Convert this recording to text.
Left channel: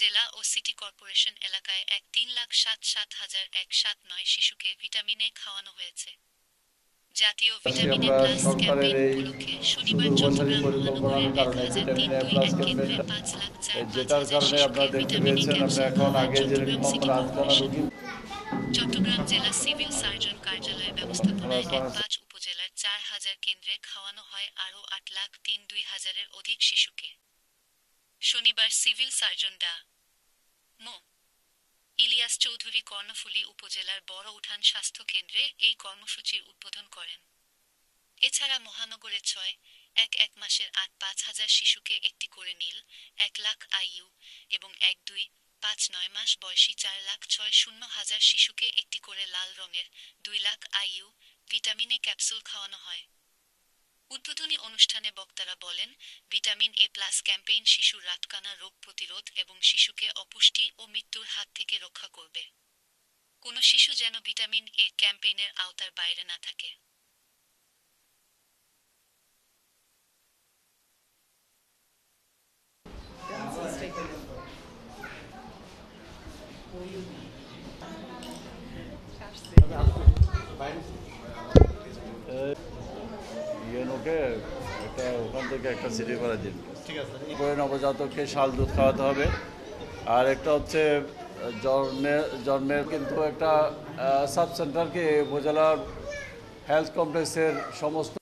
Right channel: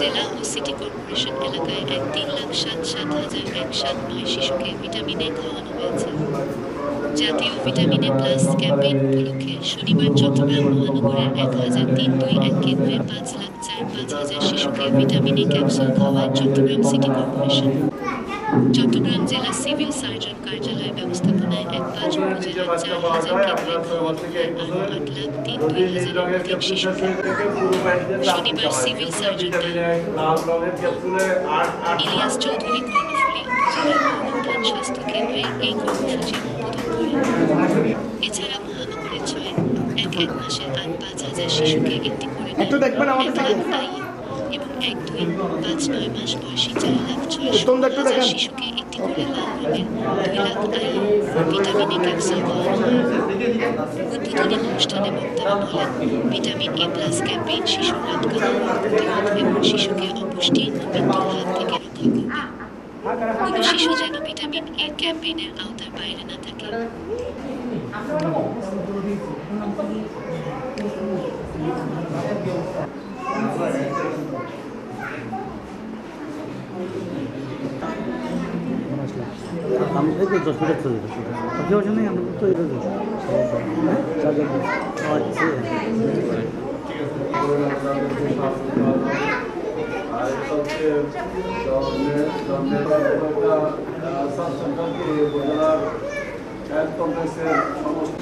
জেলা ও city corporation এলাকায় ৩,৭৭,১০৭ শিশুকে ভিটামিন এ খাওয়ানো হয়েছে। জাতীয় ভিটামিন এ প্লাস ক্যাম্পেইন উপলক্ষে শনিবার চট্টগ্রাম মহানগরের ১,৩২১ কেন্দ্রে ৫,০৪,৫,০০০ শিশুকে ভিটামিন এ ক্যাপসুল খাওয়ায় চট্টগ্রাম সিটি কর্পোরেশন। চট্টগ্রাম জেলা সিভিল সার্জন কার্যালয় ব্যবস্থাপনায় ১/৫ উপজেলার ৪,০০০ কেন্দ্রে খাওয়ানো হয় আরও ৮,০৩,২,০০০-এর অধিক শিশুকে। শনিবার সিভিল সার্জন ডা. ইলিয়াস চৌধুরী কর্ণফুলী উপজেলার বড়উঠান স্বাস্থ্য কেন্দ্রে এই কর্মসূচি উদ্বোধন করেন। এছাড়া মহানগরে ৬.১ মাসের ৮,৫,০০০ শিশুকে একটি করে নিয়ে ১,০০,০০০ আইইউ এবং ১,২,৫,৯ মাস বয়সী ৪,৬৬,০০০ শিশুকে একটি করে লাল রঙের ২,০০,০০০ আইইউ ভিটামিন এ ক্যাপসুল খাওয়ানো হয়। উদ্বোধনী অনুষ্ঠানে বক্তারা বলেন, ভিটামিন এ প্লাস ক্যাম্পেইন শিশুর রাতকানা রোগ প্রতিরোধ এবং শিশুকে অপুষ্টি ও মৃত্যুর হাত থেকে রক্ষা করবে। কোনো শিশু যেন ভিটামিন এ ক্যাম্পেইনের আওতার বাইরে না থাকে। আমি থেকে 10 মিনিট চলে যাচ্ছি কেউ জানে আমরা তো এটা আর একটা হচ্ছে জন্মের একটা সাব সেন্টারকে উপজেলার হেলথ কমপ্লেক্সের সমস্ত